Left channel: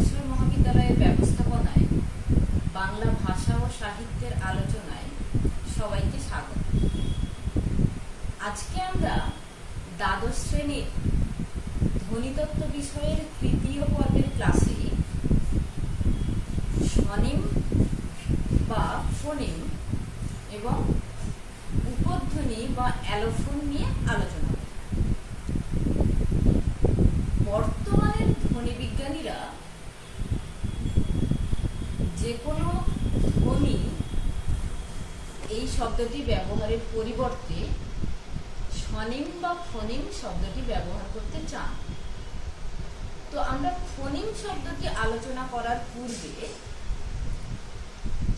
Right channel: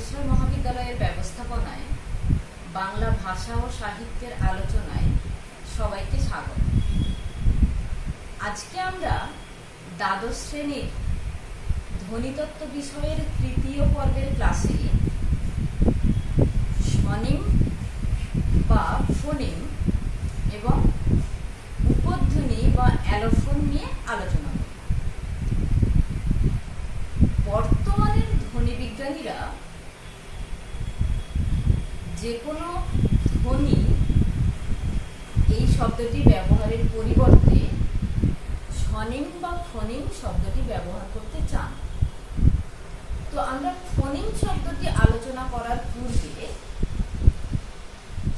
তারকেশ্বর মহাবিদ্যালয়ের ব্যবস্থাপনায় বাংলা ভাষা ও সাহিত্যের আলোচনায় সবাইকে স্বাগত। আজকে আমরা দ্বাদশ শ্রেণীর ধ্বনিতত্ত্ব বিষয়ের তৃতীয় পর্বের ক্লাসে স্বনিম বা ফোনিম এবং উপধ্বনি বা অ্যালোফোন নিয়ে আলোচনা করব। বর্তমানের ধ্বনি বিজ্ঞানীরা যে কোনো ধ্বনি এই শব্দটি ব্যবহারের পরিবর্তে স্বনিম বা ফোনিম শব্দটি ব্যবহার করতে চান। তো আমরা ফোনিম শব্দটি আলোচনা করার পূর্বে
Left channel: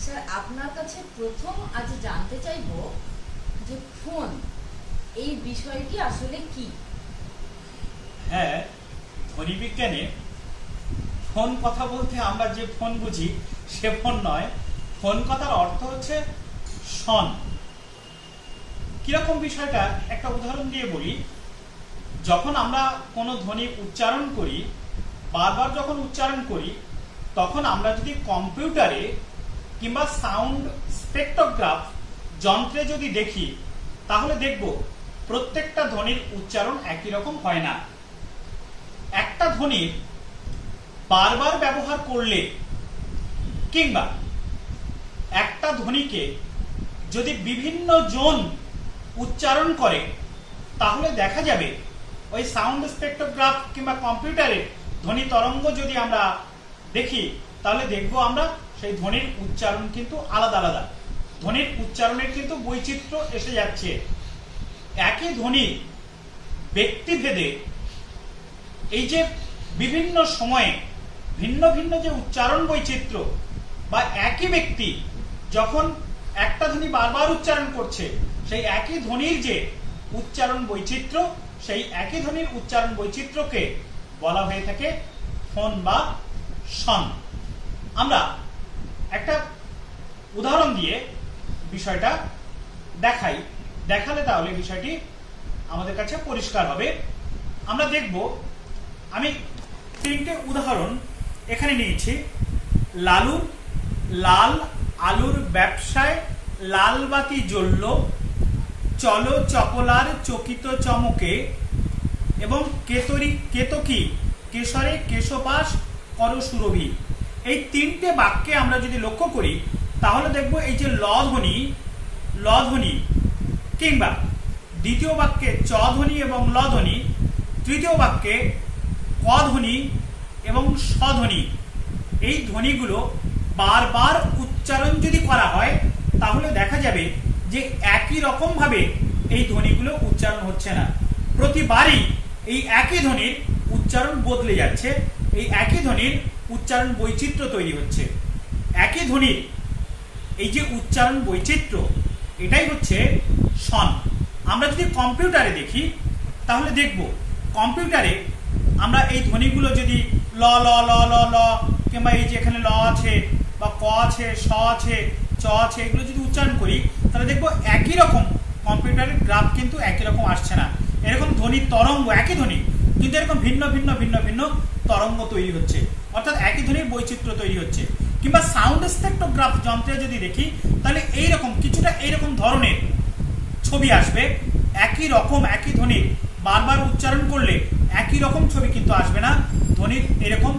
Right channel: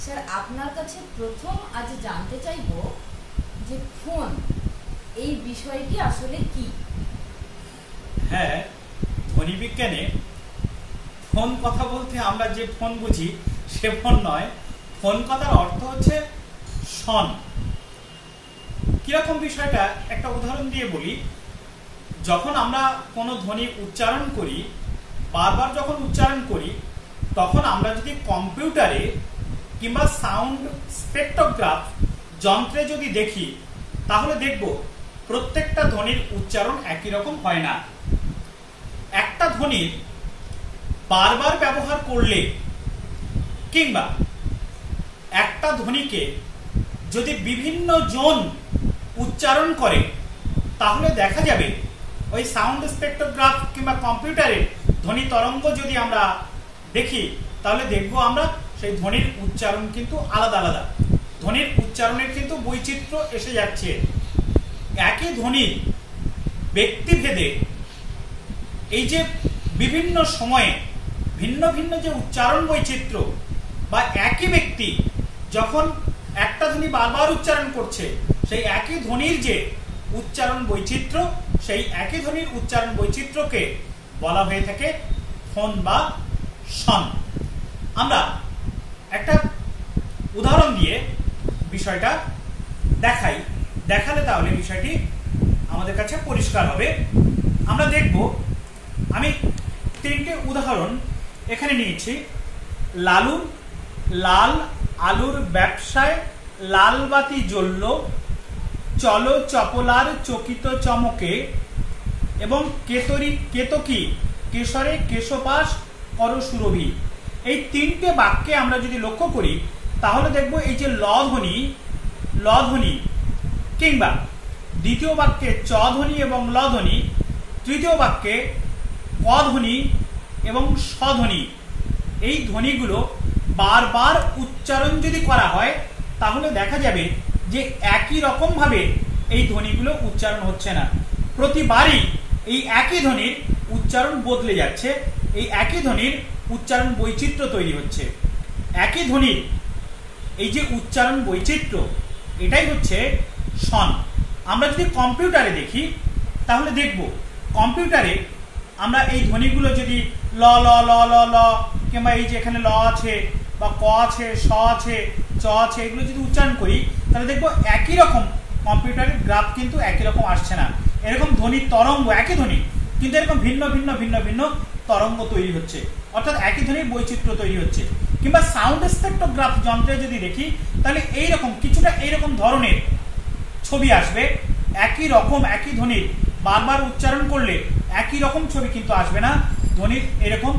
স্যার আপনার কাছে প্রথম আজ জানতে চাইব যে ফোন এই বিষয়টি আসলে কি? হ্যাঁ, ধ্বনি বিজ্ঞানে ফোন কথা বলতে আমরা যে ফোন বুঝি সে ফোন নয়। ফোন কথার অর্থ হচ্ছে স্বন। কিরকম বিষয়টা একটা উদাহরণ দিয়ে বলি। যখন আমরা কোনো ধ্বনি উচ্চারণ করি, বারবার যখন উচ্চারণ করি, তখন আমরা যদি কম্পিউটারে কিংবা সাউন্ড স্পেকট্রোগ্রাফ যন্ত্রে যদি দেখি, তাহলে দেখব প্রত্যেকটা ধ্বনির উচ্চারণ একই রকম হয় না। একটা ধ্বনি বারবার ব্যবহার করলে কিংবা একটা ধ্বনিকে যদি বিভিন্ন জন উচ্চারণ করে, তাহলে দেখা যাবে ওই সাউন্ড স্পেকট্রোগ্রাফ কিংবা কম্পিউটারে ধ্বনি তরঙ্গ যদি আমরা দেখি, তাহলে দেখব আমরা সেই ধ্বনির উচ্চারণ কিন্তু আলাদা আলাদা। ধ্বনির উচ্চারণের কিন্তু বৈচিত্র্য এসে যাচ্ছে। একই ধ্বনি ব্যক্তিভেদে এই যে বিভিন্ন সময়ে ভিন্ন ভিন্ন যে উচ্চারণ বৈচিত্র্য, বা একই ব্যক্তি যখন একটা ধ্বনি বারবার উচ্চারণ করছে, সেই একই ধ্বনির যে উচ্চারণ বৈচিত্র্য, সেই একই ধ্বনির উচ্চারণ বৈচিত্র্যকে বলা হয়ে থাকে ফোন বা স্বন। আমরা একটা উদাহরণ দিয়ে বিষয়টা দেখালে তাহলে বিষয়টি আমাদের কাছে পরিষ্কার হবে। আমরা দেখব, আমি তিনটে উদাহরণ এখানে নিয়েছি। লালুর লাল আলুর ব্যবসায় লাল বাতি জ্বলল, চলো চপলার চকিত চমকে, এবং কেতকী কেশরে কেশপাশ কর সুরভি। এই তিনটে বাক্যে আমরা যদি লক্ষ্য করি, তাহলে দেখব এই যে ল ধ্বনি কিংবা দ্বিতীয় বাক্যে চ ধ্বনি এবং ল ধ্বনি, তৃতীয় বাক্যে ক ধ্বনি এবং স ধ্বনি, এই ধ্বনিগুলো বারবার উচ্চারণ যদি করা হয়, তাহলে দেখা যাবে যে একই রকম ভাবে এই ধ্বনিগুলো উচ্চারণ হচ্ছে না। প্রতিবারই এই একই ধ্বনির উচ্চারণ বদলে যাচ্ছে, এই একই ধ্বনির উচ্চারণ বৈচিত্র্য তৈরি হচ্ছে। একই ধ্বনির এই যে উচ্চারণ বৈচিত্র্য, এটাই হচ্ছে স্বন। আমরা যদি কম্পিউটারে দেখি, তাহলে দেখব কম্পিউটারে আমরা এই ধ্বনিগুলো যদি ল ল ল ল ল কিংবা এই যে এখানে ল আছে বা ক আছে, স আছে, চ আছে, এগুলো যদি উচ্চারণ করি, তাহলে দেখবো একই রকম কম্পিউটারের গ্রাফ কিন্তু একই রকম আসছে না। এরকম ধ্বনির তরঙ্গ, একই ধ্বনি কিন্তু এরকম ভিন্ন ভিন্ন ভিন্ন ভিন্ন তরঙ্গ তৈরি হচ্ছে, অর্থাৎ একই ধ্বনির বৈচিত্র্য তৈরি হচ্ছে। কিংবা সাউন্ড স্পেকট্রোগ্রাফ যন্ত্রে যদি দেখি, তাহলে এইরকম কিছুটা এইরকম ধরনের ছবি আসবে। একই রকম একই ধ্বনির বারবার উচ্চারণ করলে একই রকম ছবি কিন্তু আসবে না। ধ্বনির এরকম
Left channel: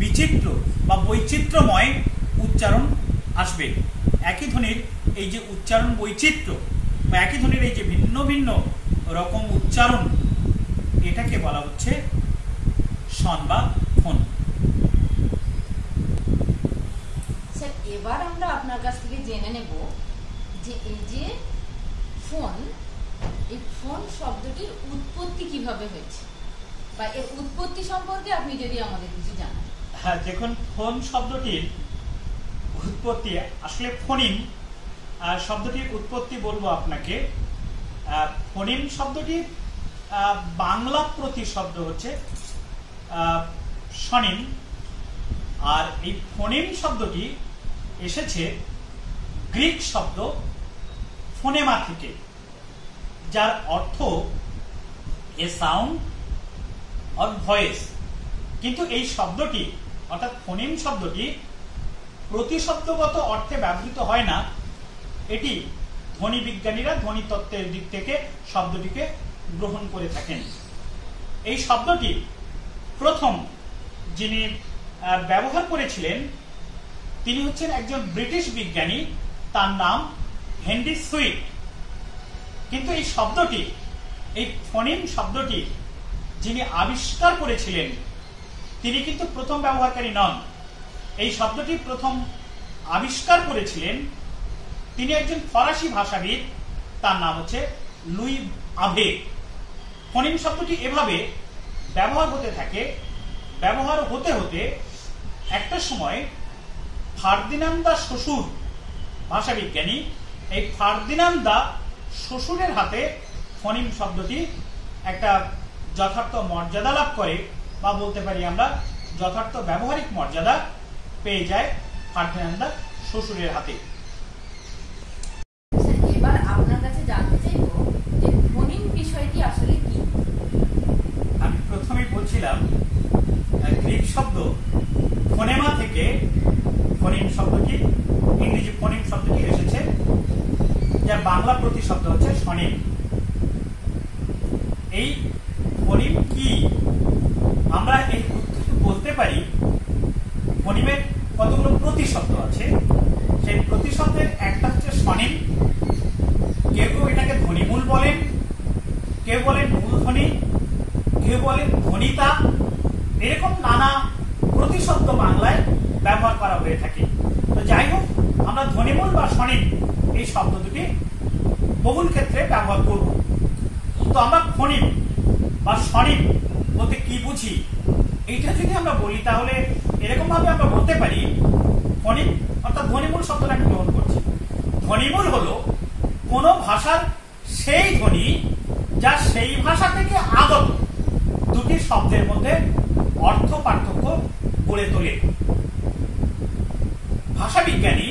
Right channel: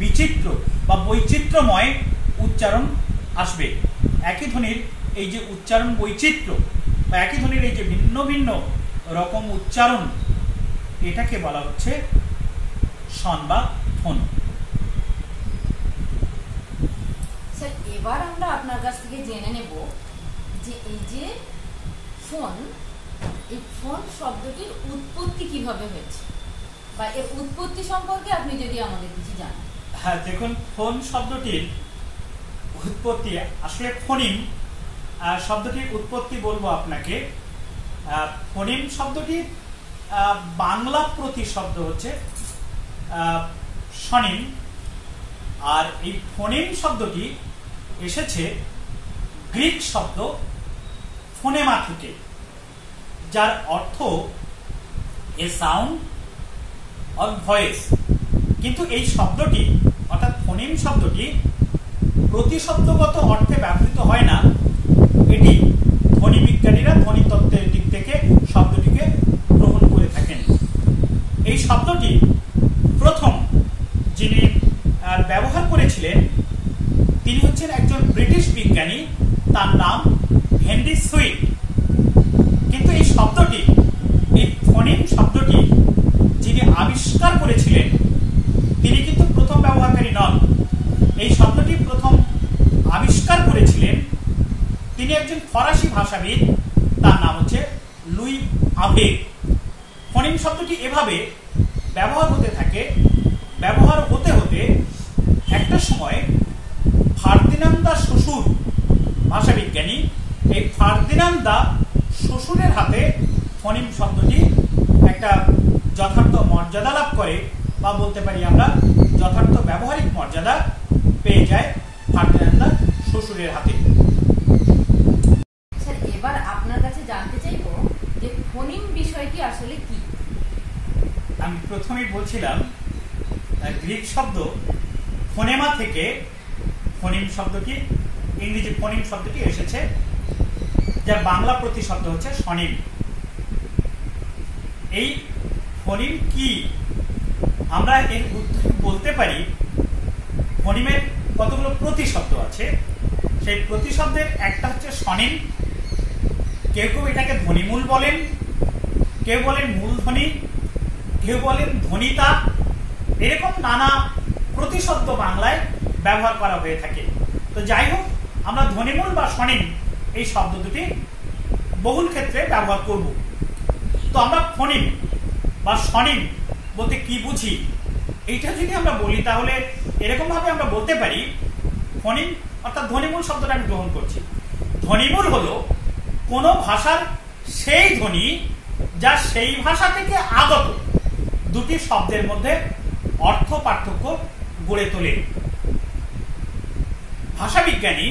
বিচিত্র বা বৈচিত্র্যময় উচ্চারণ আসবে। একই ধ্বনির এই যে উচ্চারণ বৈচিত্র্য বা একই ধ্বনির এই যে ভিন্ন ভিন্ন রকম উচ্চারণ, এটাকে বলা হচ্ছে স্বন বা ফোন। স্যার, এবার আমরা আপনার কাছ থেকে জেনে নেব যে এই যে ফোন, এই ফোন শব্দটির উৎপত্তি কিভাবে হয়েছে, বা এর উৎপত্তি সম্পর্কে আপনি যদি আমাদের কিছু জানান। হ্যাঁ, দেখুন, ফোন শব্দটির উৎপত্তি আসলে ফোনিম শব্দটির উৎপত্তি বলবো আপনাকে। ফোনিম শব্দটির বাংলা প্রতিশব্দ হচ্ছে স্বনিম, আর এই ফোনিম শব্দটি এসেছে গ্রিক শব্দ ফোনেমা থেকে, যার অর্থ এ সাউন্ড অর ভয়েস। কিন্তু এই শব্দটি অর্থাৎ ফোনিম শব্দটি প্রতিশব্দগত অর্থে ব্যবহৃত হয় না, এটি ধ্বনি বিজ্ঞানীরা ধ্বনি তত্ত্বের দিক থেকে শব্দটিকে গ্রহণ করে থাকেন। এই শব্দটি প্রথম যিনি ব্যবহার করেছিলেন তিনি হচ্ছেন একজন ব্রিটিশ বিজ্ঞানী, তার নাম হেনরি সুইট। কিন্তু এই শব্দটি, এই ফোনিম শব্দটি যিনি আবিষ্কার করেছিলেন তিনি কিন্তু প্রথম ব্যবহারকারী নন। এই শব্দটি প্রথম আবিষ্কার করেছিলেন তিনি একজন ফরাসি ভাষাবিদ, তার নাম হচ্ছে লুই আভে। ফোনিম শব্দটি এভাবে ব্যবহার হতে থাকে, ব্যবহার হতে হতে একটা সময় ফার্দিনান্দ দা শ্বশুর ভাষাবিজ্ঞানী, এই ফার্দিনান্দ দা শ্বশুরের হাতে ফোনিম শব্দটি একটা যথার্থ মর্যাদা লাভ করে, বা বলতে পারি আমরা যথার্থ ব্যবহারিক মর্যাদা পেয়ে যায় ফার্দিনান্দ দা শ্বশুরের হাতে। এবার আপনার কাছে জানতে চাইবো যে ফোনিম বিষয়টি আসলে কি। আমি প্রথমেই বলছিলাম গ্রিক শব্দ ফোনেমা থেকে ফোনিম শব্দটি, ইংরেজি ফোনিম শব্দটি এসেছে, যার বাংলা প্রতিশব্দ হচ্ছে স্বনিম। এই ফোনিম কি আমরা এই বলতে পারি, ফোনিমের কতগুলো প্রতিশব্দ আছে, সেই প্রতিশব্দের একটা হচ্ছে স্বনিম। কেউ কেউ এটাকে ধ্বনিমূল বলেন, কেউ বলেন মূলধ্বনি, কেউ বলেন ধ্বনিতা। এরকম নানা প্রতিশব্দ বাংলায় ব্যবহার করা হয়ে থাকে। তো যাই হোক, আমরা ধ্বনিমূল বা স্বনিম এই শব্দ দুটি বহুল ক্ষেত্রে ব্যবহার করব। তো আমরা ফোনিম বা স্বনিম বলতে কি বুঝি, এইটা যদি আমরা বলি তাহলে এরকম ভাবে আমরা বলতে পারি, ফোনিম অর্থাৎ ধ্বনিমূল শব্দটা আমি গ্রহণ করছি। ধ্বনিমূল হলো কোন ভাষার সেই ধ্বনি যা সেই ভাষা থেকে আগত দুটি শব্দের মধ্যে অর্থ পার্থক্য গড়ে তোলে। ভাষাবিজ্ঞানী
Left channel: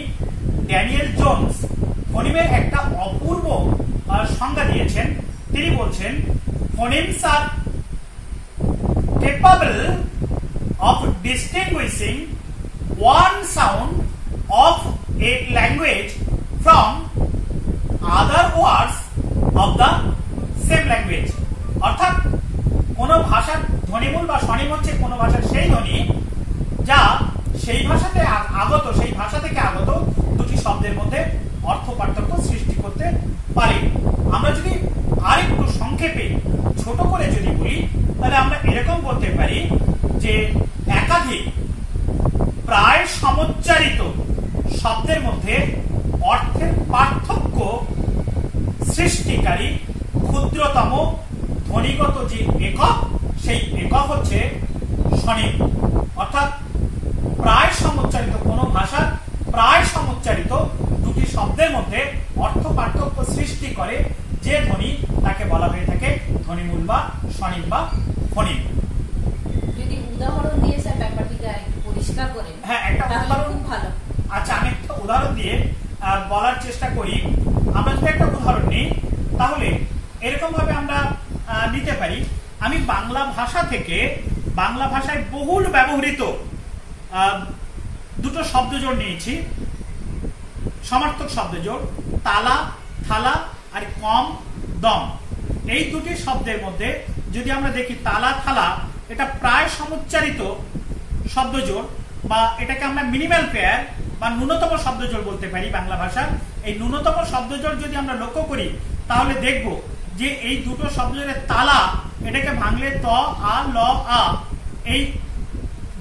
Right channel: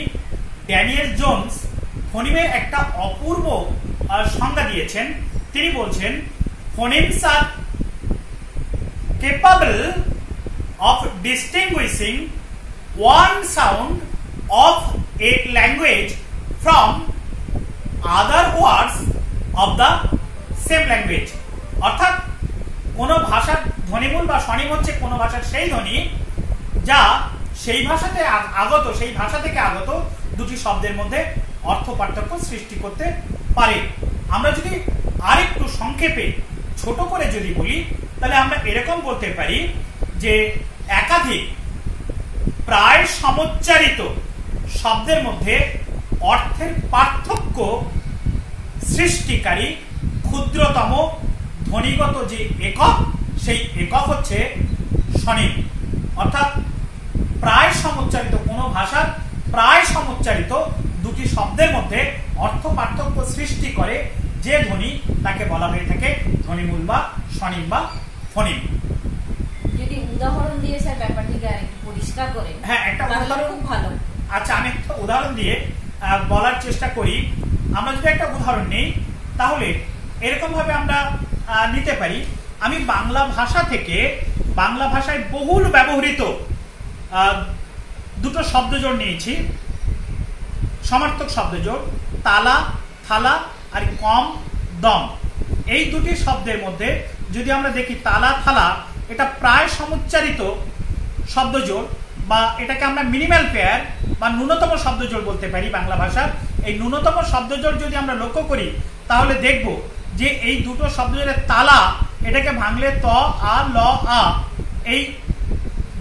ড্যানিয়েল জোন্স ফোনিমের একটা অপূর্ব সংজ্ঞা দিয়েছেন। তিনি বলছেন, phonemes R capable of distinguishing one sound of a language from other words of the same language। অর্থাৎ কোন ভাষার ধ্বনিমূল বা স্বনিম হচ্ছে কোন ভাষার সেই ধ্বনি যা সেই ভাষাতে আগত, সেই ভাষা থেকে আগত দুটি শব্দের মধ্যে অর্থ পার্থক্য সৃষ্টি করতে পারে। আমরা যদি আরেকটু সংক্ষেপে ছোট করে যদি বলি তাহলে আমরা এরকম বলতে পারি যে একাধিক প্রায় সমোচ্চারিত শব্দের মধ্যে অর্থের পার্থক্য সৃষ্টিকারী ক্ষুদ্রতম ধ্বনিগত যে একক, সেই একক হচ্ছে স্বনিম। অর্থাৎ প্রায় সমোচ্চারিত, কোন ভাষার প্রায় সমোচ্চারিত দুটি শব্দের মধ্যে অর্থ পার্থক্য সৃষ্টি করে যে ধ্বনি, তাকে বলা হয়ে থাকে ধ্বনিমূল বা স্বনিম বা ফোনিম। যদি উদাহরণ দিয়ে স্যার ব্যাপারটিকে পরিষ্কার করে, হ্যাঁ, একটা উদাহরণ খুব ভালো। আচ্ছা, আমি একটা উদাহরণ দিয়ে বলার চেষ্টা করি। আমরা যদি একটা উদাহরণ নিই তাহলে এরকম ভাবে আমরা নিতে পারি, আমি বাংলা ভাষা থেকে বাংলা ভাষায় বহুল ব্যবহৃত দুটো শব্দজোড় নিয়েছি, সমার্থক শব্দজোড়, তালা, থালা আর কম, দম। এই দুটি শব্দের মধ্যে যদি আমরা দেখি তালা, থালা, এটা প্রায় সমুচ্চারিত শব্দজোড়, বা এটাকে আমরা মিনিমাল পেয়ার বা ন্যূনতম শব্দজোড় বলতে পারি বাংলা ভাষার। এই ন্যূনতম শব্দজোড় যদি আমরা লক্ষ্য করি তাহলে দেখব যে এই দুটো শব্দজোড়ের তালা, এটাকে ভাঙলে ত, আ, ল, আ, এই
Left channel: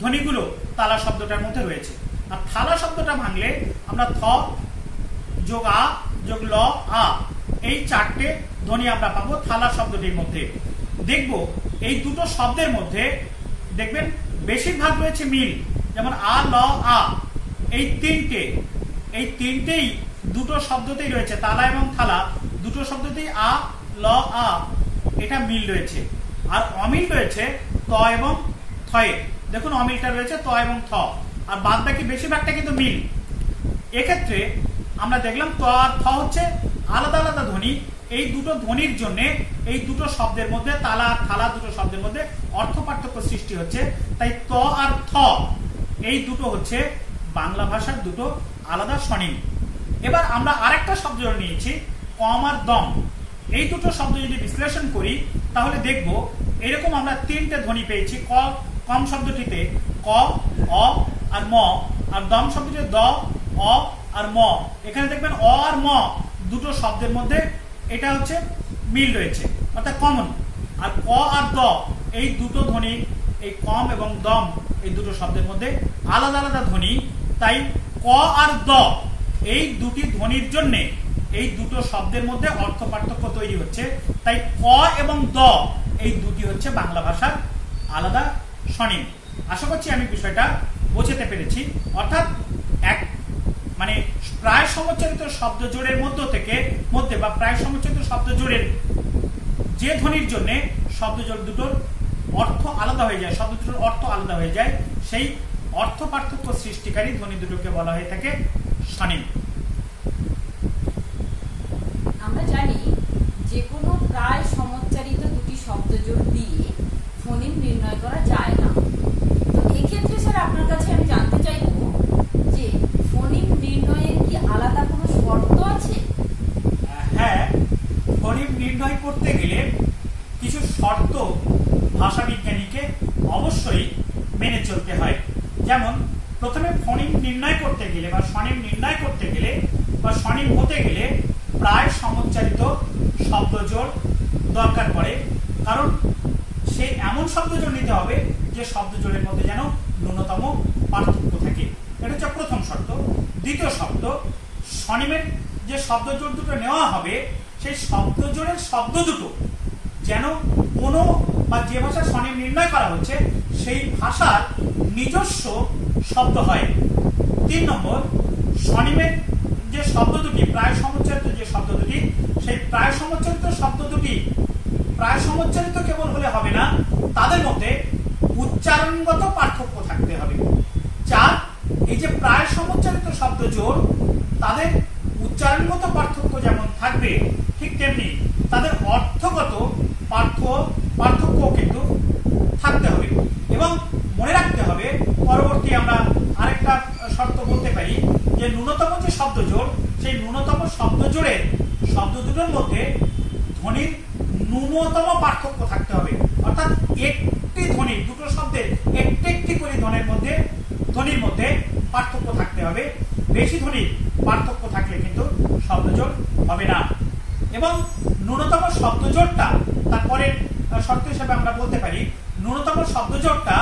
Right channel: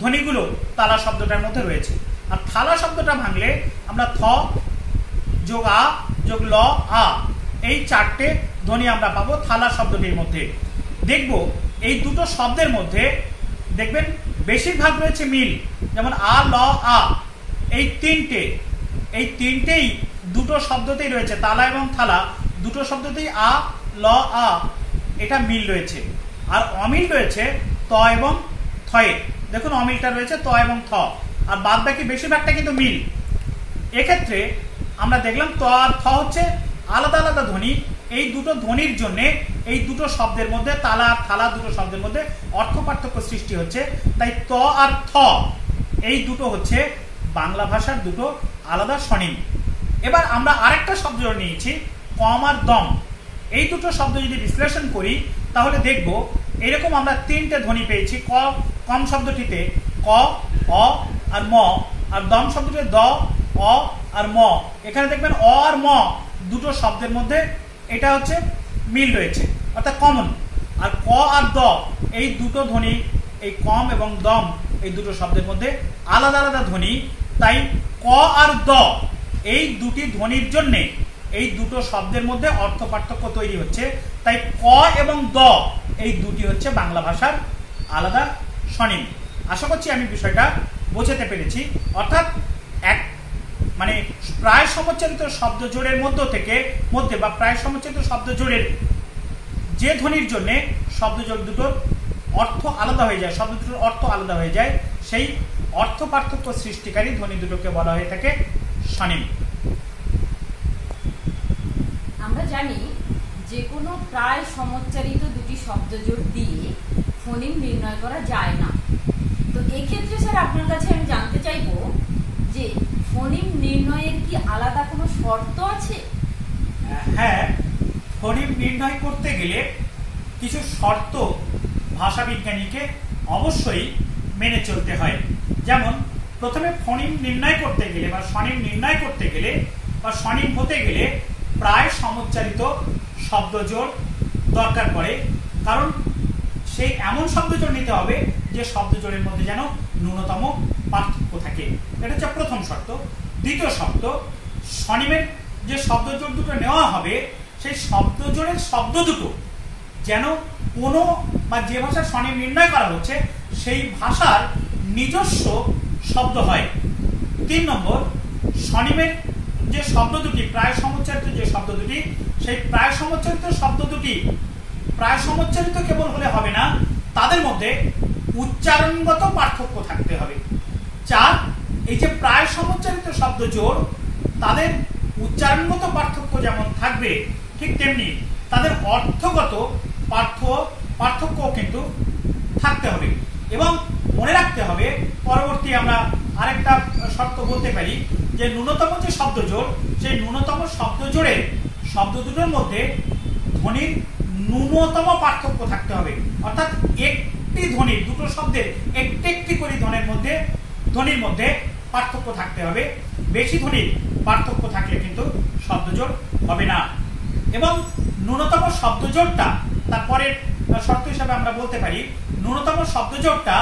ধ্বনিগুলো তালা শব্দটার মধ্যে রয়েছে। আর থালা শব্দটা ভাঙলে আমরা থ যোগ আ যোগ ল, আ, এই চারটে ধ্বনি আমরা পাবো থালা শব্দটির মধ্যে। দেখব এই দুটো শব্দের মধ্যে দেখবেন বেশিরভাগ রয়েছে মিল, যেমন আ, ল, আ, এই তিনটেই দুটো শব্দতেই রয়েছে, তালা এবং থালা দুটো শব্দতেই আ, ল, আ, এটা মিল রয়েছে। আর অমিল রয়েছে ত এবং থয়ে। দেখুন অমিলটা রয়েছে ত এবং থ, আর বাদ বাকি বেশিরভাগটা কিন্তু মিল। এক্ষেত্রে আমরা দেখলাম ত আর থ হচ্ছে আলাদা আলাদা ধ্বনি। এই দুটো ধ্বনির জন্য এই দুটো শব্দের মধ্যে, তালা আর থালা দুটো শব্দের মধ্যে অর্থ পার্থক্য সৃষ্টি হচ্ছে। তাই ত আর থ এই দুটো হচ্ছে বাংলা ভাষার দুটো আলাদা স্বনিম। এবার আমরা আরেকটা শব্দ নিয়েছি কম আর দম। এই দুটো শব্দ যদি বিশ্লেষণ করি তাহলে দেখব এরকম আমরা তিনটে ধ্বনি পেয়েছি। কম শব্দটিতে ক, অ আর ম, আর দম শব্দটিতে দ, অ আর ম। এখানে দেখবেন অ আর ম দুটো শব্দের মধ্যে এটা হচ্ছে মিল রয়েছে, অর্থাৎ কমন। আর ক আর দ এই দুটো ধ্বনি, এই কম এবং দম এই দুটো শব্দের মধ্যে আলাদা আলাদা ধ্বনি। তাই ক আর দ এই দুটি ধ্বনির জন্য এই দুটো শব্দের মধ্যে অর্থ পার্থক্য তৈরি হচ্ছে। তাই ক এবং দ এই দুটি হচ্ছে বাংলা ভাষার আলাদা স্বনিম। আশা করছি আমি বিষয়টা বোঝাতে পেরেছি। অর্থাৎ মানে প্রায় সমচ্চারিত শব্দ জোড়ের মধ্যে বা প্রায় সমচ্চারিত শব্দ জোড়ের যে ধ্বনির জন্য শব্দ জোড় দুটোর অর্থ আলাদা হয়ে যায়, শব্দ দুটোর অর্থ আলাদা হয়ে যায়, সেই অর্থ পার্থক্য সৃষ্টিকারী ধ্বনি দুটোকে বলা হয়ে থাকে স্বনিম। আমরা জানি যে কোনো প্রায় সমচ্চারিত দুটি শব্দ জোড় দিয়ে ফোনিম নির্ণয় করা যায় না। তো এই ক্ষেত্রে স্যার আপনার কাছে আমি জানতে চাইবো যে ফোনিম নির্ণয়ের কি আলাদা কোনো শর্ত আছে? হ্যাঁ, ফোনিম নির্ণয় করতে গেলে কিছু শর্ত ভাষা বিজ্ঞানীকে অবশ্যই মেনে চলতে হয়। যেমন প্রথমে ফোনিম নির্ণয় করতে গেলে বা স্বনিম নির্ণয় করতে গেলে বা স্বনিম হতে গেলে প্রায় সমচ্চারিত শব্দজোড় দরকার পড়ে। কারণ সেই এমন শব্দজোড় নিতে হবে যে শব্দজোড়ের মধ্যে যেন ন্যূনতম পার্থক্য থাকে। এটা হচ্ছে প্রথম শর্ত। দ্বিতীয় শর্ত, স্বনিমের যে শব্দজোড় দুটো নেওয়া হবে সেই শব্দজোড়ের শব্দ দুটো যেন কোনো বা যে ভাষার স্বনিম নির্ণয় করা হচ্ছে সেই ভাষার নিজস্ব শব্দ হয়। 3 নম্বর, স্বনিমের যে শব্দ দুটি প্রায় সমচ্চারিত যে শব্দ দুটি সেই প্রায় সমচ্চারিত শব্দ দুটি প্রায় সমচ্চারিত কেবল হলে হবে না, তাদের মধ্যে উচ্চারণগত পার্থক্য থাকতে হবে। 4, এই যে প্রায় সমচ্চারিত শব্দ জোড় তাদের উচ্চারণগত পার্থক্য যেমন থাকবে ঠিক তেমনি তাদের অর্থগত পার্থক্য কিন্তু থাকতে হবে। এবং মনে রাখতে হবে, পরবর্তী আমরা আরেকটা শর্ত বলতে পারি যে ন্যূনতম যে শব্দ জোড় সেই ন্যূনতম শব্দ জোড়ের শব্দ দুটোর মধ্যে ধ্বনির ন্যূনতম পার্থক্য থাকতে হবে। অর্থাৎ একটি ধ্বনির দুটো শব্দের একটি করে ধ্বনির মধ্যে পার্থক্য থাকতে হবে। বেশি ধ্বনির পার্থক্য থাকলে কিন্তু শব্দজোড় হবে না। এবং ন্যূনতম শব্দজোড়টা তারপরে শর্ত হিসাবে আমরা বলতে পারি ন্যূনতম শব্দজোড়টা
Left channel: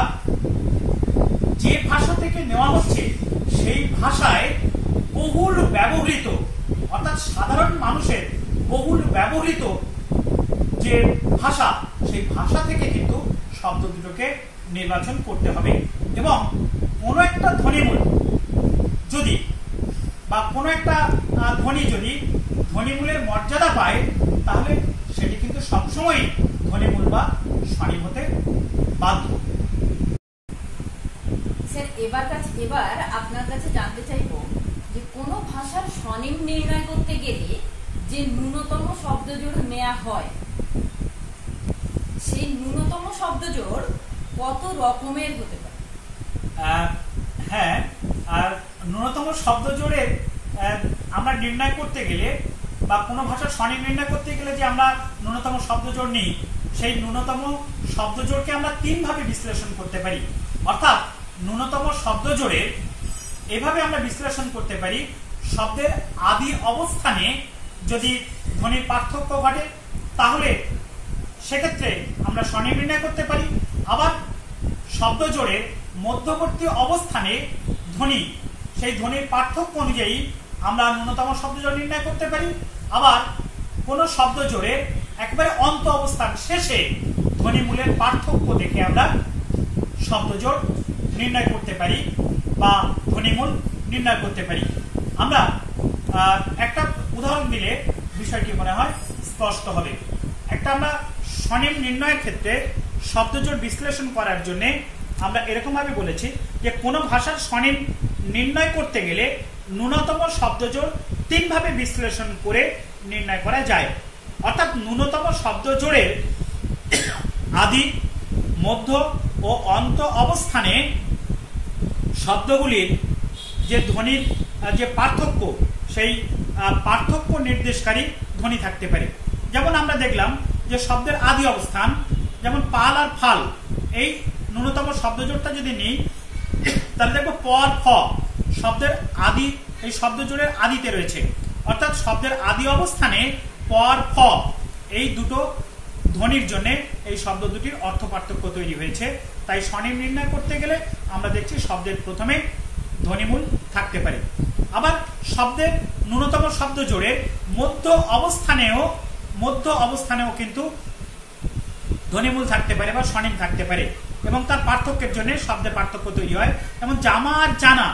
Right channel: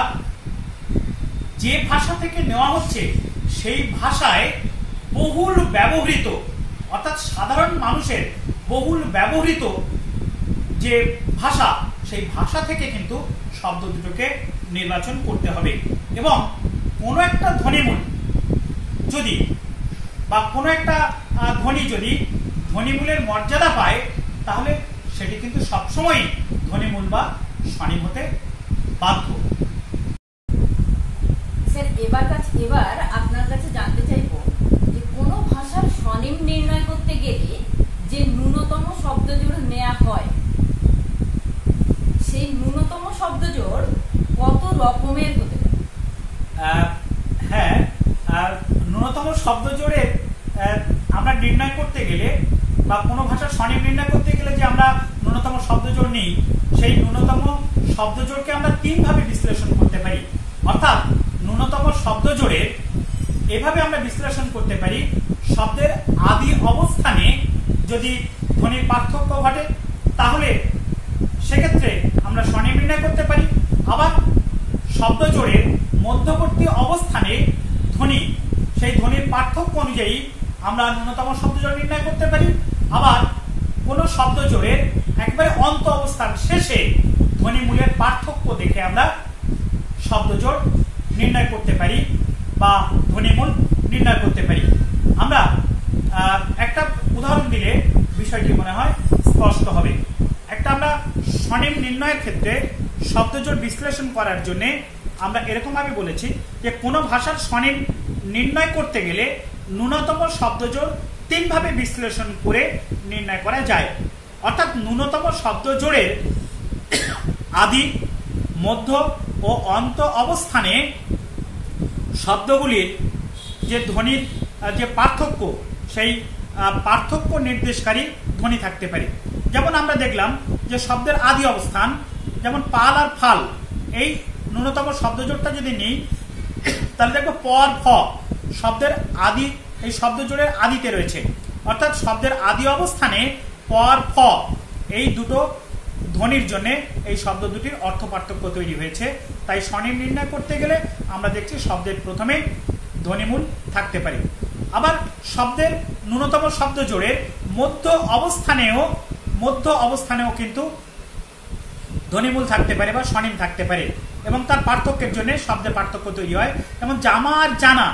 যে ভাষা থেকে নেওয়া হচ্ছে সেই ভাষায় বহুল ব্যবহৃত, অর্থাৎ সাধারণ মানুষের বহুল ব্যবহৃত যে ভাষা সেই ভাষা থেকে কিন্তু শব্দ দুটোকে নির্বাচন করতে হবে। এবং কোনো একটা ধ্বনিমূল যদি বা কোনো একটা ধ্বনি যদি ধ্বনিমূলের মর্যাদা পায় তাহলে সেটি কিন্তু সবসময় ধ্বনিমূল বা স্বনিম হতে বাধ্য। স্যার এবার আপনার কাছে জানতে চাইবো যে কোনো ভাষার স্বনিম নির্ণয় করতে গেলে যে ন্যূনতম শব্দজোড় নেওয়া হয় সেই ন্যূনতম শব্দজোড় কত রকমের হতে পারে? হ্যাঁ, ন্যূনতম শব্দজোড়ের আমরা নির্ণয় করতে গেলে বা কোনো ভাষার স্বনিম নির্ণয় করতে গেলে যে আমরা ন্যূনতম শব্দজোড় নিই সেই ন্যূনতম শব্দজোড়কে আমরা 3 ভাবে বিশ্লেষণ করতে পারি। অর্থাৎ ন্যূনতম শব্দজোড়ের এভাবে আমরা বিশ্লেষণ করতে পারি, শব্দের আদি অবস্থানে যদি ধ্বনির পার্থক্য ঘটে তাহলে সেক্ষেত্রে আমরা স্বনিম নির্ণয় করতে পারি। আবার শব্দজোড়ের মধ্যবর্তী অবস্থানে ধ্বনি, সেই ধ্বনির পার্থক্য অনুযায়ী আমরা ন্যূনতম শব্দজোড় নির্ণয় করতে পারি। আবার কোন শব্দজোড়ের একেবারে অন্ত অবস্থান শেষে ধ্বনিমূলের পার্থক্য দেখে আমরা শব্দজোড় নির্ণয় করতে পারি বা ধ্বনিমূল নির্ণয় করতে পারি। আমরা একটা উদাহরণ দিলে বিষয়টি মনে হয় স্পষ্ট হবে। একটা আমরা স্বনিম নির্ণয়ের ক্ষেত্রে শব্দজোড় বিশ্লেষণ করার জন্য আমরা এরকম ভাবে বলেছি যে কোন ভাষার স্বনিম নির্ণয় করতে গেলে ন্যূনতম শব্দজোড় 3 ভাবে বিশ্লেষণ করে নির্ণয় করা যায়। অর্থাৎ ন্যূনতম শব্দজোড়ের আদি, মধ্য ও অন্ত অবস্থানে শব্দগুলির যে ধ্বনির যে পার্থক্য, সেই পার্থক্য নির্দেশকারী ধ্বনি থাকতে পারে। যেমন আমরা দেখলাম যে শব্দের আদি অবস্থান, যেমন পাল আর ফাল, এই ন্যূনতম শব্দজোড়টা যদি নিই তাহলে দেখবো প আর ফ শব্দের আদি, এই শব্দজোড়ের আদিতে রয়েছে, অর্থাৎ শব্দের আদি অবস্থানে প আর ফ এই দুটো ধ্বনির জন্য এই শব্দ দুটির অর্থ পার্থক্য তৈরি হয়েছে। তাই স্বনিম নির্ণয় করতে গেলে আমরা দেখছি শব্দের প্রথমে ধ্বনিমূল থাকতে পারে। আবার শব্দের ন্যূনতম শব্দ জোড়ের মধ্য অবস্থানেও কিন্তু ধ্বনিমূল থাকতে পারে বা স্বনিম থাকতে পারে, এবং তার পার্থক্যের জন্য শব্দের পার্থক্য তৈরি হয়। যেমন জামা আর জানা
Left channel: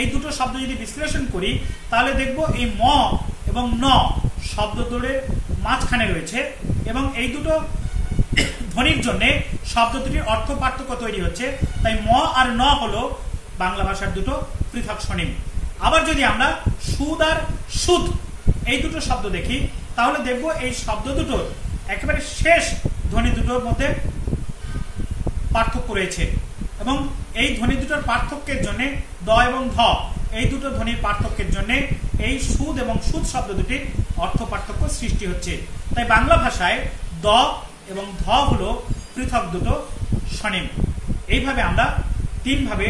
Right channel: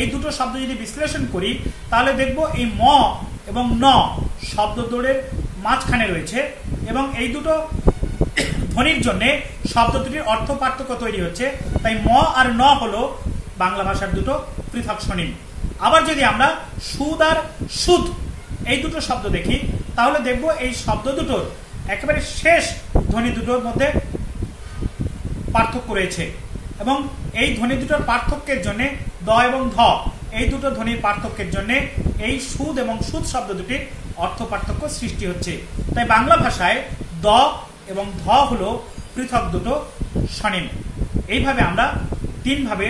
এই দুটো শব্দ যদি বিশ্লেষণ করি তাহলে দেখব এই ম এবং ন শব্দ জোড়ের মাঝখানে রয়েছে, এবং এই দুটো ধ্বনির জন্য শব্দ দুটির অর্থ পার্থক্য তৈরি হচ্ছে। তাই ম আর ন হলো বাংলা ভাষার দুটো পৃথক স্বনিম। আবার যদি আমরা সুদ আর সুদ এই দুটো শব্দ দেখি তাহলে দেখব এই শব্দ দুটোর একেবারে শেষ ধ্বনি দুটোর মধ্যে পার্থক্য রয়েছে, এবং এই ধ্বনি দুটোর পার্থক্যের জন্য দ এবং ধ এই দুটো ধ্বনির পার্থক্যের জন্য এই সুদ এবং সুদ শব্দ দুটির অর্থ পার্থক্য সৃষ্টি হচ্ছে। তাই বাংলা ভাষায় দ এবং ধ হলো পৃথক দুটো স্বনিম। এইভাবে আমরা তিনভাবে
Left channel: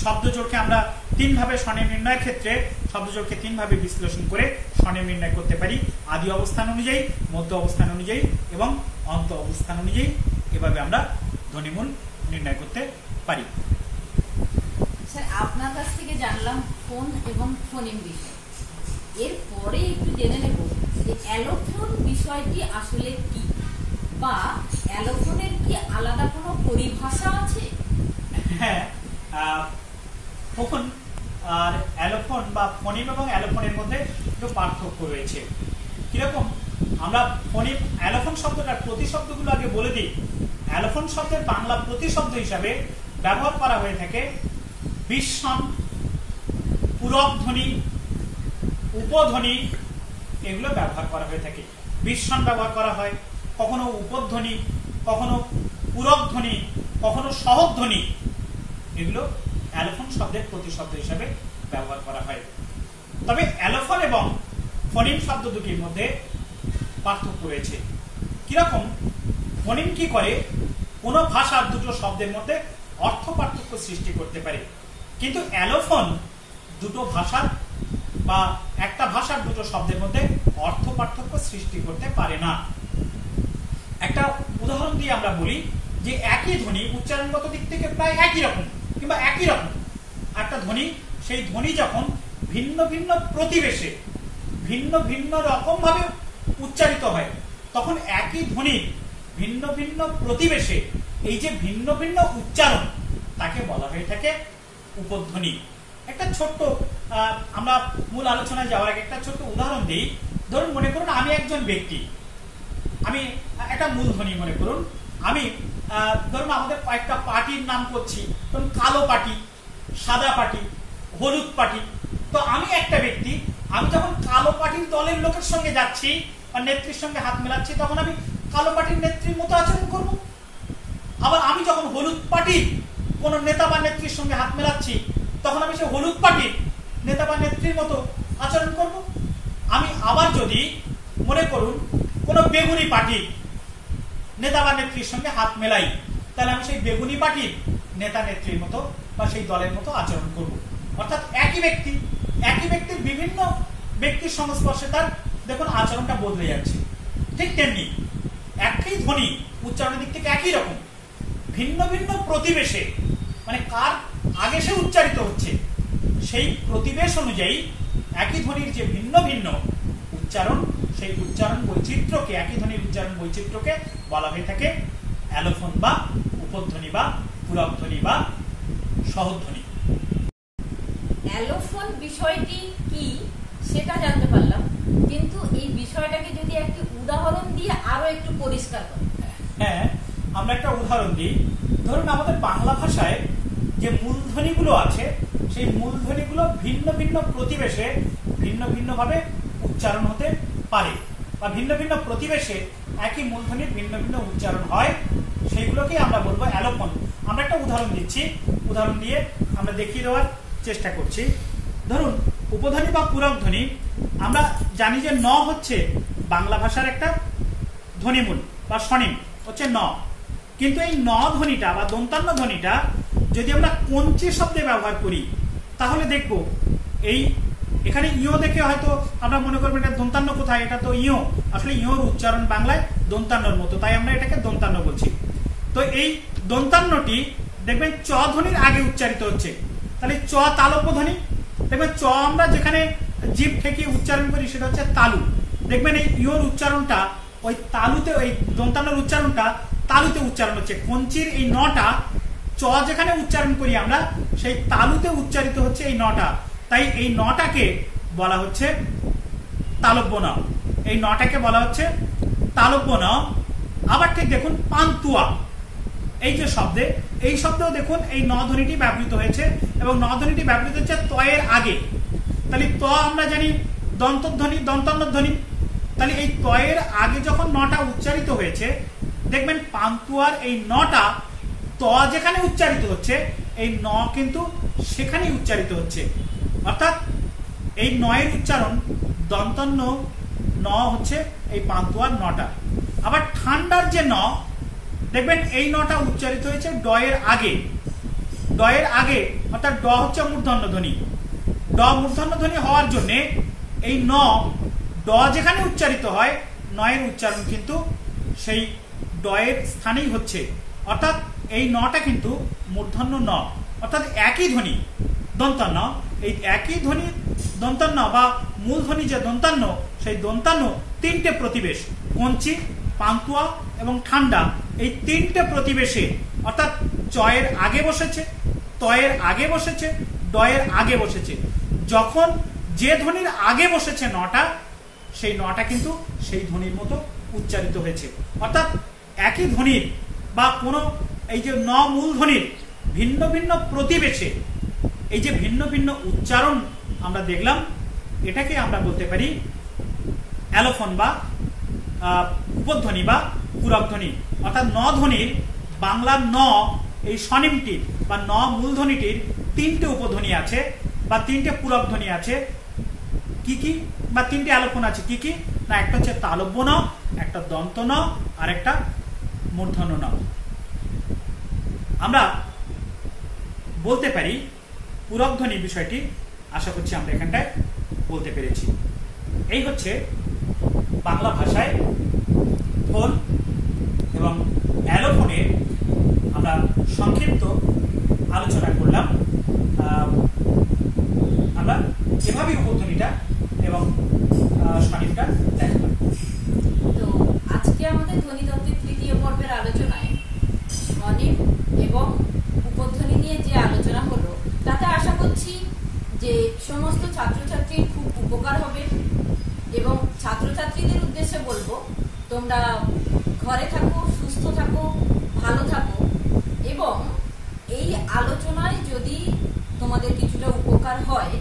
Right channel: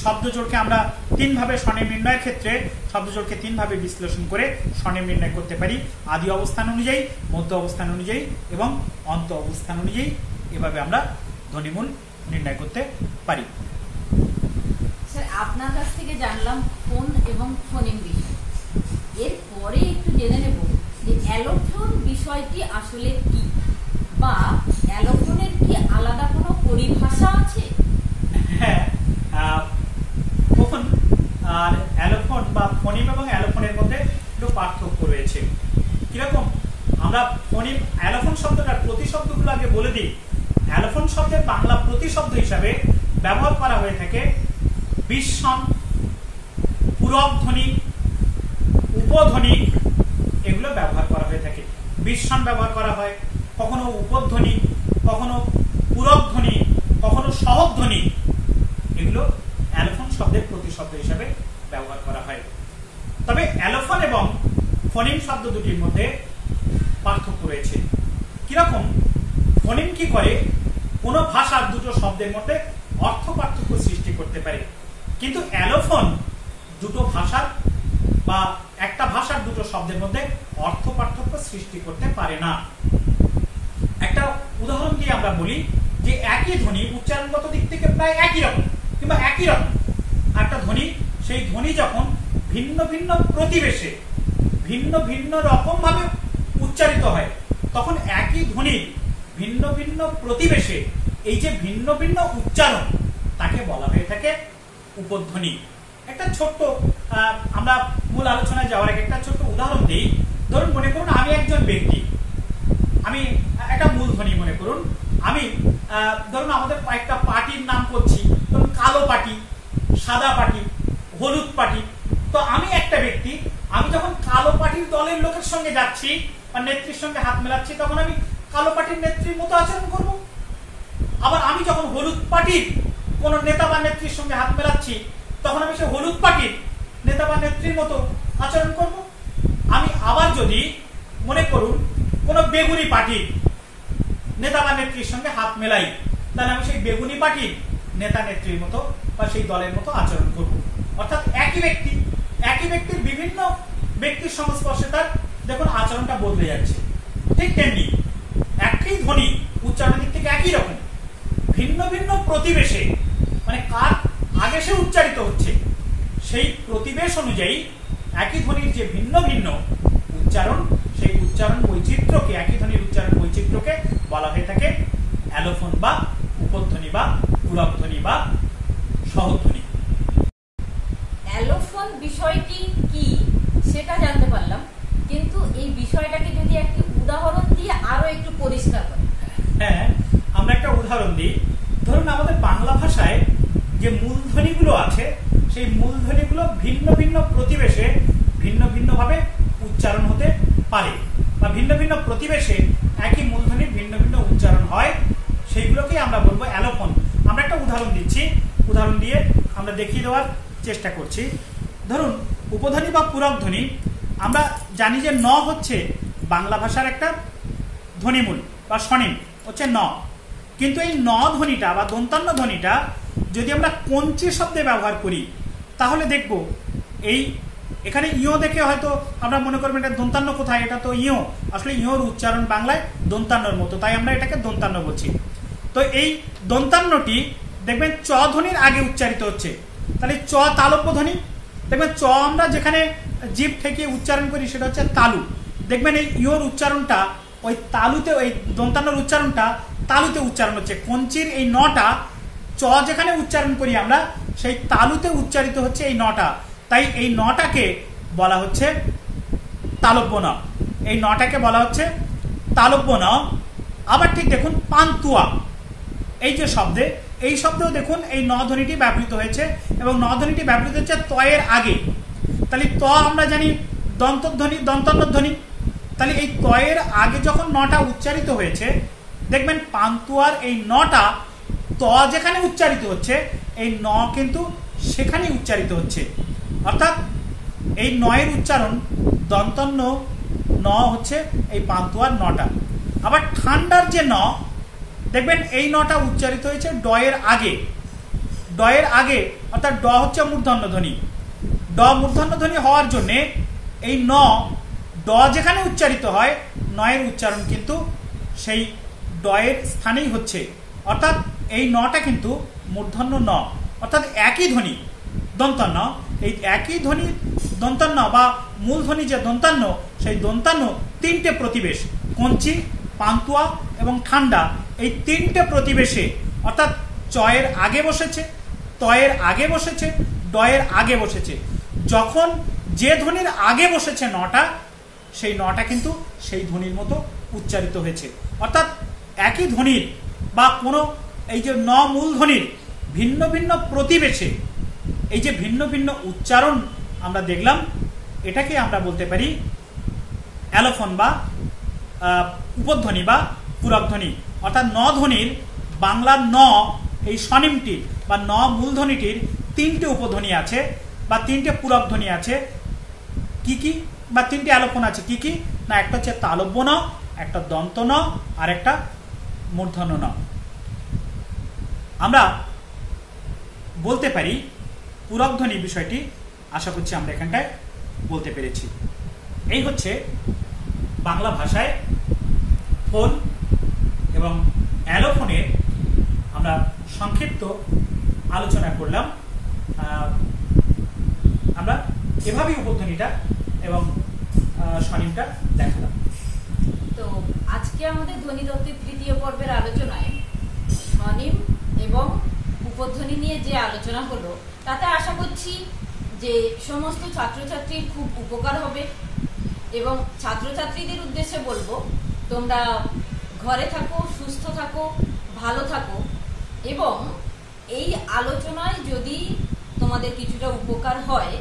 শব্দজোড়কে আমরা তিনভাবে স্বনিম নির্ণয়ের ক্ষেত্রে শব্দজোড়কে তিনভাবে বিশ্লেষণ করে স্বনিম নির্ণয় করতে পারি, আদি অবস্থান অনুযায়ী, মধ্য অবস্থান অনুযায়ী এবং অন্ত অবস্থান অনুযায়ী। এভাবে আমরা ধ্বনিমূল নির্ণয় করতে পারি। স্যার, আপনার কাছ থেকে জানলাম ফোন এবং ফোনিম বিষয়। এরপরে একটু জেনে নেব যে অ্যালোফোন বিষয়টি আসলে কি, বা অ্যালোফোনের কি আলাদা কোনো পরিভাষা আছে? হ্যাঁ, ফোন আর অ্যালোফোন বা ফোনিম এবং অ্যালোফোনের মধ্যে একটু পার্থক্য রয়েছে। কিরকম? আমরা ফোনিম অ্যালোফোন শব্দটার প্রতিশব্দগুলো আগে বলে দিই। অ্যালোফোন শব্দের বাংলা প্রতিশব্দ হিসাবে ব্যবহার করা হয়ে থাকে বিস্বন, পূরক ধ্বনি, উপধ্বনি, এগুলো ব্যবহার করা হয়ে থাকে। বিস্বন ব্যবহার করা হয়, কখনো উপধ্বনি, কখনো পূরক ধ্বনি, কখনো সহগ ধ্বনি, এগুলো অ্যালোফোন শব্দের প্রতিশব্দ হিসাবে ব্যবহার করা হয়। তবে অ্যালোফোন এবং ফোনিম শব্দ দুটির মধ্যে পার্থক্য রয়েছে। কিরকম? ফোনিম কি করে? কোন ভাষার দুটো শব্দের মধ্যে অর্থ পার্থক্য সৃষ্টি করতে পারে, কিন্তু অ্যালোফোন দুটো ভাষার বা একটা ভাষার দুটো শব্দের মধ্যে অর্থ পার্থক্য সৃষ্টি করতে পারে না। একটা উদাহরণ দিয়ে আমরা বলি যে একই ধ্বনি উচ্চারণগত দিক থেকে প্রায় একই রকম কিংবা একই রকম একটা ধ্বনি, সেই ধ্বনি যখন ভিন্ন ভিন্ন প্রতিবেশে ভিন্ন ভিন্ন রকম ভাবে উচ্চারিত হয়, তখন একই ধ্বনি ভিন্ন ভিন্ন প্রতিবেশে এই যে ভিন্ন ভিন্ন উচ্চারণ, তাকে বলা হয়ে থাকে উপধ্বনি। একটা ছোট্ট আমরা মূল আলোচনায় যাওয়ার আগে একটা ছোট্ট উদাহরণ দিই। ধরুন, মনে করুন আমি একজন ব্যক্তি, আমি একটা মূলধ্বনি মনে করুন, আমি ধরুন আমাদের একটা পার্টির নাম করছি, ধরুন কালো পার্টি, সাদা পার্টি, হলুদ পার্টি। তো আমি একটা ব্যক্তি, আমি যখন কালো পার্টির দলের লোকের সঙ্গে যাচ্ছি বা নেত্রীর সঙ্গে হাত মেলাচ্ছি, তখন আমি কালো পার্টির নেত্রীর মতো আচরণ করব। আবার আমি যখন হলুদ পার্টির কোন নেতা বা নেত্রীর সঙ্গে হাত মেলাচ্ছি, তখন আমি সে হলুদ পার্টির নেতা বা নেত্রীর মতো আচরণ করব। আমি আবার যদি মনে করুন কোন বেগুনি পার্টির নেতা বা নেত্রীর সঙ্গে হাত মেলাই, তাহলে আমি সেই বেগুনি পার্টির নেতা নেত্রীর মতো বা সেই দলের মতো আচরণ করব। অর্থাৎ একই ব্যক্তির বিভিন্ন ব্যক্তির সংস্পর্শে তার দেখুন আচরণটা বদলে যাচ্ছে। ঠিক তেমনি একই ধ্বনি উচ্চারণের দিক থেকে একই রকম, ভিন্ন ভিন্ন প্রতিবেশে, মানে কার আগে সে উচ্চারিত হচ্ছে, সেই প্রতিবেশ অনুযায়ী একই ধ্বনির যে ভিন্ন ভিন্ন উচ্চারণ, সেই উচ্চারণ বৈচিত্র্যকে, একই ধ্বনির উচ্চারণ বৈচিত্র্যকে বলা হয়ে থাকে অ্যালোফোন বা উপধ্বনি বা পূরক ধ্বনি বা সহধ্বনি। অ্যালোফোন বিষয়টি কি সেটা জানতে পারলাম, কিন্তু এই বিষয়টাকে যদি একটি উদাহরণ দিয়ে আরো একটু পরিষ্কার করেন। হ্যাঁ, আমরা একটা উদাহরণ দিই। ধরুন আমাদের বাংলা ভাষায় যে মূলধ্বনিগুলো আছে, সেই মূলধ্বনিগুলো ভিন্ন ভিন্ন প্রতিবেশে ভিন্ন ভিন্ন ভাবে উচ্চারণ হতে পারে, বা ভিন্ন ভিন্ন প্রতিবেশে একই মূলধ্বনির ভিন্ন ভিন্ন উচ্চারণ হয়। সেইগুলোকেই আমরা বলবো অ্যালোফোন। আমরা একটা উদাহরণ দিচ্ছি, উদাহরণ দিয়ে আমরা দেখিয়ে দেওয়ার চেষ্টা করছি। ধরুন উপধ্বনি বা পূরক ধ্বনি, আমরা জানি যে ন হচ্ছে বাংলা ভাষার একটা ধ্বনিমূল বা স্বনিম হচ্ছে ন, কিন্তু এই ন ধ্বনিটা বা দন্তান্ন ধ্বনিটা যদি আমরা কঞ্চি শব্দে ব্যবহার করি তাহলে দেখব এই এখানে ইও দেখে হয়তো আমরা মনে করবো এটা দন্তান্ন কোথায়, এটা তো ইও, আসলে ইওর উচ্চারণ বাংলায় দন্তান্নর মতো, তাই আমরা এটাকে দন্তান্ন বলছি। তো এই দন্তান্নটি দেখবেন চ ধ্বনির আগে উচ্চারিত হচ্ছে, তাহলে চ তালব্য ধ্বনি। দেখবেন চ আমরা যেখানে জিভ থেকে উচ্চারণ করি সেটা হচ্ছে তালু, দেখবেন এই ইওর উচ্চারণটা ওই তালুতে, ওই দন্তান্নর উচ্চারণটা তালুতে উচ্চারণ হচ্ছে। কঞ্চির এই নটা চ যেখানে উচ্চারণ করি আমরা সেই তালুতে উচ্চারিত হচ্ছে এই নটা, তাই এই নটাকে বলা হচ্ছে তালব্য ন, এই নটাকে বলা হচ্ছে তালব্য ন। আবার ঠিক দেখুন পান্তুয়া, এই যে শব্দে, এই শব্দেও দেখুন এই ন ধ্বনিটি ব্যবহৃত হয়েছে এবং ন ধ্বনিটি ব্যবহৃত হচ্ছে ত এর আগে। তাহলে ত আমরা জানি দন্তধ্বনি, দন্তান্ন ধ্বনি, তাহলে এই ত এর আগে যখন নটা উচ্চারিত হয়েছে দেখবেন পান্তুয়ার এই নটা ত যেখানে উচ্চারিত হচ্ছে এই ন কিন্তু সেখানেই উচ্চারিত হচ্ছে, অর্থাৎ এই নয়ের উচ্চারণ দন্তান্ন ন হচ্ছে এই পান্তুয়ার নটা। আবার ঠান্ডার যে ন দেখবেন এই নটা উচ্চারিত হয়েছে ড এর আগে, ড এর আগে, অর্থাৎ ড হচ্ছে মূর্ধন্য ধ্বনি। ড মূর্ধন্য ধ্বনি হওয়ার জন্য এই ন ড যেখানে উচ্চারিত হয় নয়ের উচ্চারণ কিন্তু সেই ড এর স্থানেই হচ্ছে, অর্থাৎ এই নটা কিন্তু মূর্ধন্য ন, অর্থাৎ একই ধ্বনি দন্তান্ন। এই একই ধ্বনি দন্তান্ন বা মূল ধ্বনি যে দন্তান্ন, সেই দন্তান্ন তিনটে প্রতিবেশ, কঞ্চি, পান্তুয়া এবং ঠান্ডা, এই তিনটে প্রতিবেশে অর্থাৎ চ এর আগে বসেছে, ত এর আগে বসেছে, ড এর আগে বসেছে। যখন যে ধ্বনির আগে বসেছে নটা, সেই নটা কিন্তু সেই ধ্বনির মতো উচ্চারিত হয়েছে, অর্থাৎ একই ধ্বনির বা কোনো এই যে ন মূল ধ্বনির ভিন্ন ভিন্ন প্রতিবেশে এই যে ভিন্ন ভিন্ন উচ্চারণ আমরা দেখলাম, এটাকে আমরা বলতে পারি অ্যালোফোন বা উপধ্বনি বা পূরক ধ্বনি। অর্থাৎ ন ধ্বনির বাংলার ন এই স্বনিমটির বা ন মূলধ্বনিটির তিনটে উপধ্বনি আছে বা তিনটে পূরক ধ্বনি আছে। কি কি? বা তিনটে অ্যালোফোন আছে। কি কি? না, একটা হচ্ছে তালব্য ন, একটা দন্ত ন, আর একটা মূর্ধন্য ন। আমরা বলতে পারি পূরক ধ্বনির বিষয়টি আশা করছি আমরা এখানটায় বলতে পেরেছি। এই হচ্ছে বাংলা ভাষায় ফোন এবং অ্যালোফোনের আমরা সংক্ষিপ্ত আলোচনা করলাম। আমরা এভাবেই উপধ্বনিটা এবং স্বনিমটা দেখালাম। তো আজকে আমাদের ধ্বনিতত্ত্বের তৃতীয় পর্বের আলোচনায় স্বনিম এবং উপধ্বনি নিয়ে যে আলোচনা হলো তাতে আশা করছি যে সমস্ত ছাত্রছাত্রীর খুব উপকার হবে এবং ছাত্রছাত্রীদের উদ্দেশ্যে বলবো, তোমরা ঘরে থাকো, সুস্থ থাকো, ভালো থাকো এবং এই আলোচনায় যদি তোমাদের কিছুটা উপকার হয়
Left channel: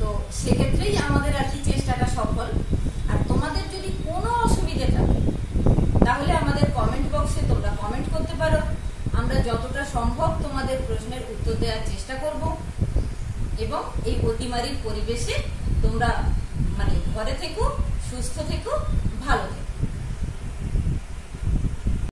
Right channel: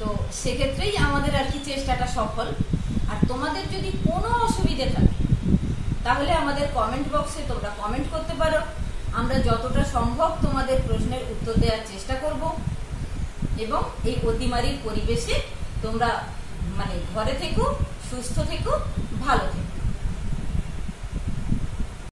তো সেক্ষেত্রেই আমাদের আর কি চেষ্টাটা সফল। আর তোমাদের যদি কোনো অসুবিধে থাকে তাহলে আমাদের কমেন্ট বক্সে তোমরা কমেন্ট করতে পারো, আমরা যতটা সম্ভব তোমাদের প্রশ্নের উত্তর দেওয়ার চেষ্টা করব এবং এই অতিমারীর পরিবেশে তোমরা ঘরে থেকো, সুস্থ থেকো, ভালো থেকো।